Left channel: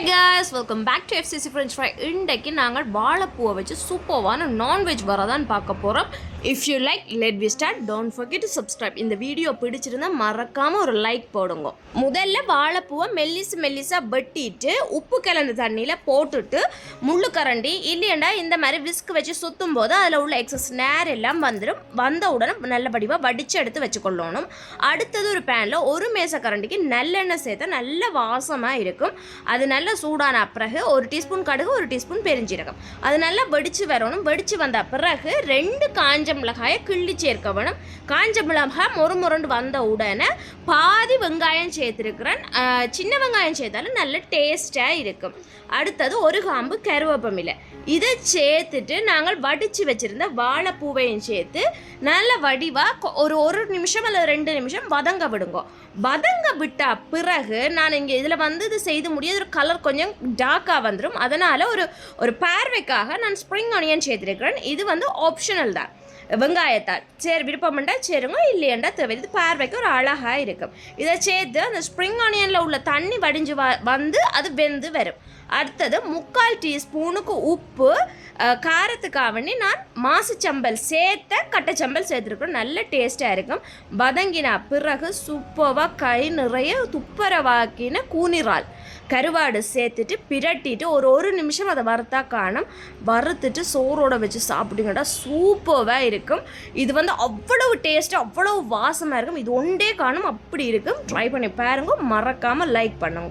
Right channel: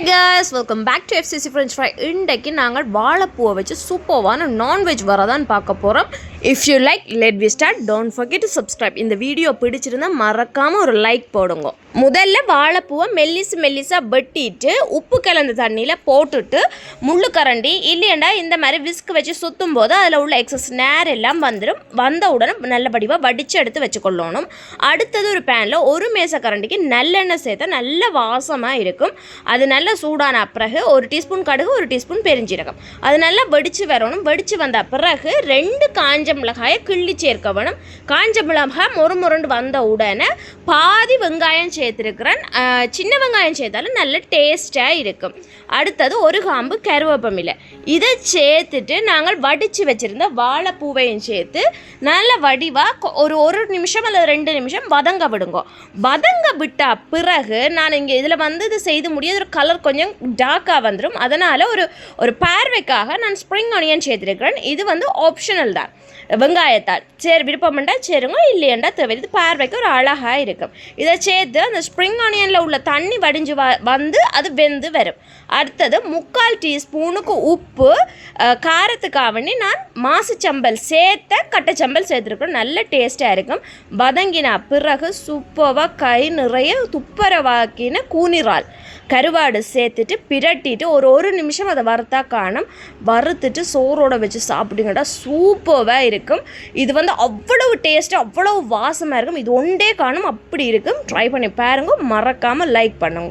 Hi guys welcome back to FCC French fry இன்றைக்கு நாங்கள் வாழைப்பூவை வச்சு சூப்பர்வான நான்வெஜ் வரதான் பார்க்க போகிறோம் if you like let we start don't forget to subscribe இந்த வீடியோ பிடிச்சிருந்தா மறக்காமல் ஒரு லைக் போடுங்க. முதல்ல வாழைப்பூவை மெல்லிசு மெல்லிசாக வெட்டிட்டு உப்பு கலந்த தண்ணியில் போட்டுட்டு முள்ளு கரண்டி இல்லையண்டா இந்த மாதிரி விஸ்க் வச்சு சுற்றும் போது அதில் உள்ள எக்ஸஸ் நேர் எல்லாம் வந்துடும் வந்த உடனே நல்லபடியாக வடித்து எடுத்து வச்சுக்கொள்ளணும். அடுத்தது ஒரு பேனில் ஒரு மேச கரண்டிக்கு நல்லெண்ணெய் சேர்த்தா நல்ல வாசமாக இருக்கும். அது நல்ல சூடான பிறகு ஒரு டீஸ்பூன் கடுகு ஒரு டீஸ்பூன் பெருஞ்சீரகம். அது நல்லா வெடிச்சு வரணும். வெடிச்சு வந்த பிறகு ரெண்டு காஞ்ச மிளகாயை கிள்ளி சேர்க்க வேணும். காஞ்ச மிளகாய் மொறு முரண்டு வந்த உடனே பாதி வெங்காயம் சேர்த்துருக்கிறேன். சின்ன வெங்காயம் சேர்த்தாலும் நல்ல டேஸ்ட்டாக இருக்கும். அடுத்தது ஒரு காம்பு கருவேப்பமில்லை இதை சேர்த்துட்டு நாங்கள் வடித்து வச்சுருந்த வாழைப்பூவையும் சேர்த்து நல்ல வடிவாக ஒரு ஒரு நிமிஷம் அல்லது ரெண்டு நிமிஷம் வதங்க விடுங்க. வதங்க விட்ட பிறகு நான் இங்கே இதில் வந்து இது செய்து முடியாது. ஒரு கலர் கொஞ்சம் டார்க்காக வந்துடும் அதனால் ஒரு ஒரு பார்வைக்காக நான் ஸ்ப்ரிங் ஆனியன் சேர்த்துருக்கிறேன். இது வந்து ஆப்ஷனல் தான். வெங்காயத்தால். சரி விருப்பம்ண்டா சேருங்க இல்லையண்டா தேவை. இது பார்வைக்கு ஒரு அழகாக இருக்கும். இதை சேர்த்து அந்த ஸ்ப்ரிங் ஆனியனில் உள்ள தண்ணி வடிஞ்சு வ வந்து அது வெந்து வரும். அடுத்தது முக்கால் டீஸ்பூனுக்கு உப்பு அஹ், காரத்துக்காக வேண்டி நான் மாசுச்சம்பல் சேர்த்த கட்டைச்சம்பல் சேர்த்துருக்கோம் நல்ல டேஸ்ட்டாக இருக்கும். வதங்கின பிறகு சூப்பராக கை நிறைய துப்பரவாக்கின கூனிறால். கருவாடு சேர்த்துட்டு பிரட்டிட்டு ஒரு ஒரு நிமிஷம் அதை வறுத்தா காணும். வறுத்துட்டு சோறோட வச்சு சாப்பிடுங்கடா. சூப்பராக இருக்கும். இது வந்து அவ்வளவு டேஸ்ட்டு அவ்வளவு வாசமாக இருக்கும். இது ஒன்றே காணும். அப்படி இருக்கும். ட்ரை பண்ணி பாருங்க. மறக்காமல் லைக் பண்ணுங்க.